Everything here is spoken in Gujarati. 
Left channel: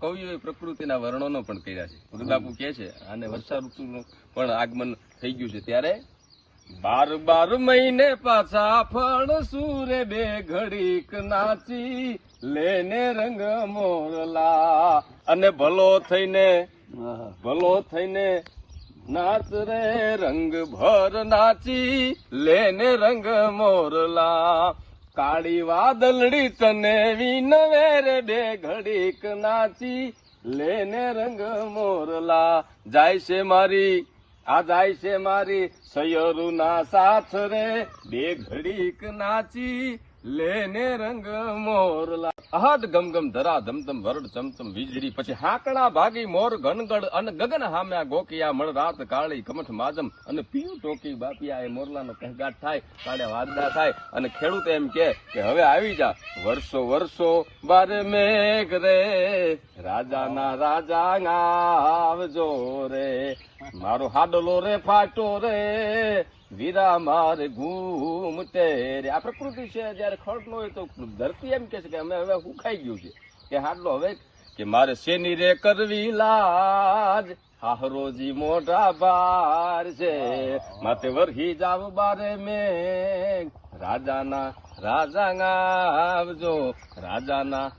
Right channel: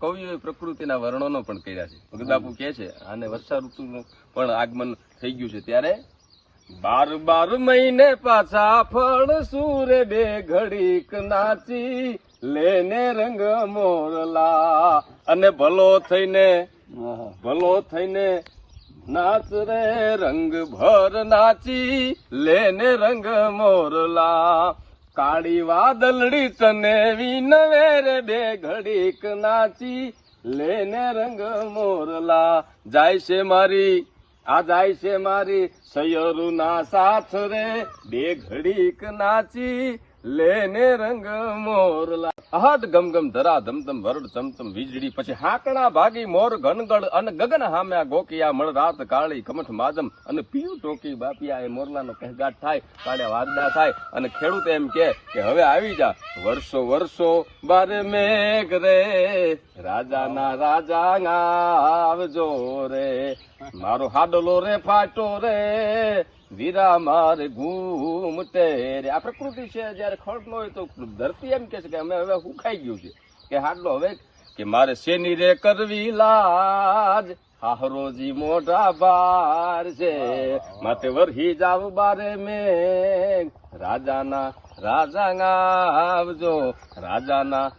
કવિઓએ પ્રકૃતિના વર્ણનો પણ કર્યા છે. રુદ્રબાપુ કહે છે આને વર્ષા ઋતુનું પણ આગમન થઈ ગયું છે ત્યારે 12 મહિને પાછા ફળ સૂરે બે ઘડીક નાચી લેને રંગ મોરલા અને ભલો થઈને નાચ રે રંગ ભર નાચી લેને રંગ મોરલા કાળી વાદળડી તને વિનવે રે બે ઘડીક નાચી લેને રંગ મોરલા જાય છે મારી સયરુના સાથ રે બે ઘડીક નાચી લેને રંગ મોરલા હાથ ગમગમ ધરા ધમધમ વરડ ચમચમ વીજળી પછી હાકણા ભાગી મોર ઘનગડ અને ગગન હામ્યા ગોકિયા મળ રાત કાળી કમઠ માદમ અને પીયું ટોકી બાપિયા એ મોરલાનો કહેગાટ થાય પાડ્યા વાગડા થાય અને ખેડૂત એમ કે હવે આવી જા વર્ષો બારે મેઘ રે રાજાના રાજા આવજો રે મારો હાડલો રે ફાટો રે વીરા મારે ઘૂમતે રે આ પ્રકૃતિ છે. જયારે ખડલો હોય તો ધરતી એમ કે છે કે અમે હવે હુકાઈ ગયું છે કે હાડલો હવે કે મારે શેની રે કરવી લાજ હાહરોજી મોઢા બાર છે માટે વરહી જાવ બારે મેઘ રાજા આવજો રાજાના